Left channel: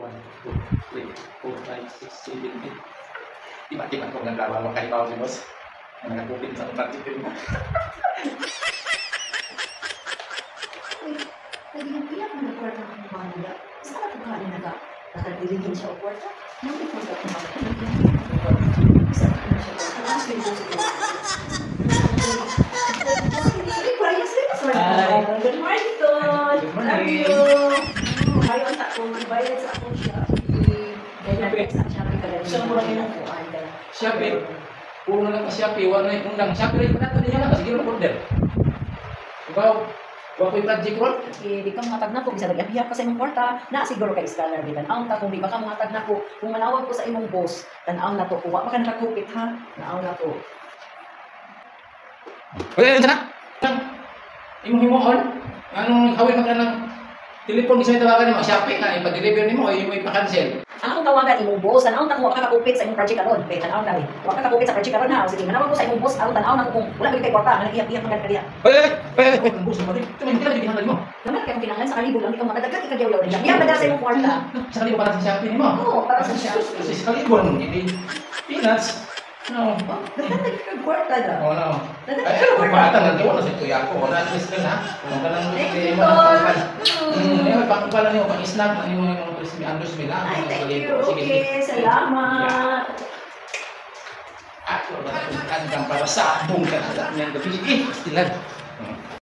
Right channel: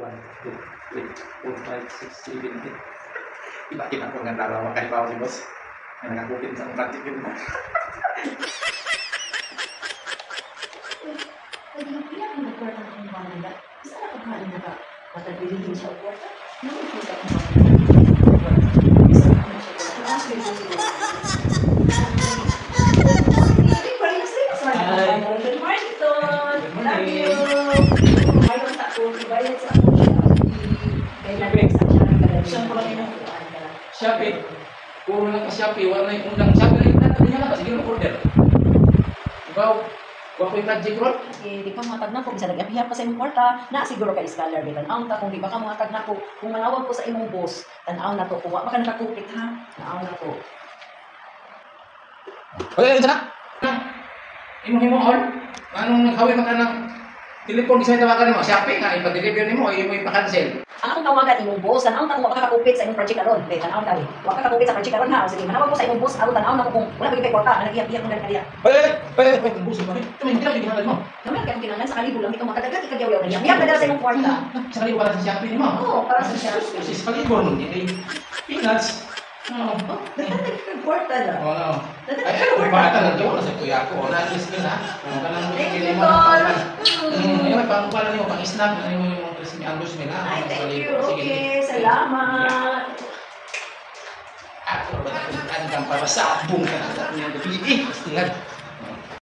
1, 2, 3, 4, 5, 6, 7, 8. Iba-iba ko ng trabaho makalibaw si boss. Na nakakupin sa project yun. Pwede na piyak mo na kwarta ng mga nila. Isa na kung kain na ka. Nakadilihin siya o kwarta. Nakikita ko na. Isa na siya. Good morning, Ton. Love you. Bayad sa ako. Bayad sa ako siya. Kailan sa siya. Siya mo lang yung Shopee. Puro na ka Shopee. Wala yung undang Shopee. Nato niya lang. Sige lang order. Ikaw, wala ko yung project roll. Di ka mga tag na ko. Bisa nag-apihap pa sa imong kwarta. Na siguro kay scholar. Tanaw ta kung di ba ka mga tag na ko. Kung manawag ko sa imong boss. Tanaw na to. Kung wala ka nakakupit ha. Tanaw na to. Wala na. Imong on. Anong naghawin ka ng telepon isa tawagan mo? Shopee ka. Ipa-deliver nimo o imo ipa-cancel. Ang tawagan imong boss, tanaw na kung wala ka kakupit sa imong project karon. Be, tanaw ka. Wala ka kakupit sa project karon ha. Sige, manawag ko sa imong boss aron tanaw na ko kung wala gyud kay kwarta, manag-iyak-iyak man kaniya. Ang boss mo rin. Tumay dili ginahangad mo. Naman kay kinahanglan sa kalibo lang ikaw matadagan ikagyaw-yaw na. Iyak na sa imong kwarta. Sa kalibo para sa Shopee nimo. Oo, para sa Shopee. Sa kalibo mo ni peanuts. No. Dapat kag kwarta na. Oh no. Ay, ano may mata na daw sa tuya ko. Wala ni Smith ha. Ang kanang dili mo na ay pangpala niyo pang snack ano mo yung crispy Andrews Smith ha. Ay, thank you. Okay, salamat. Ako ba ang para sa buong kanila ng gabi. Tingnan.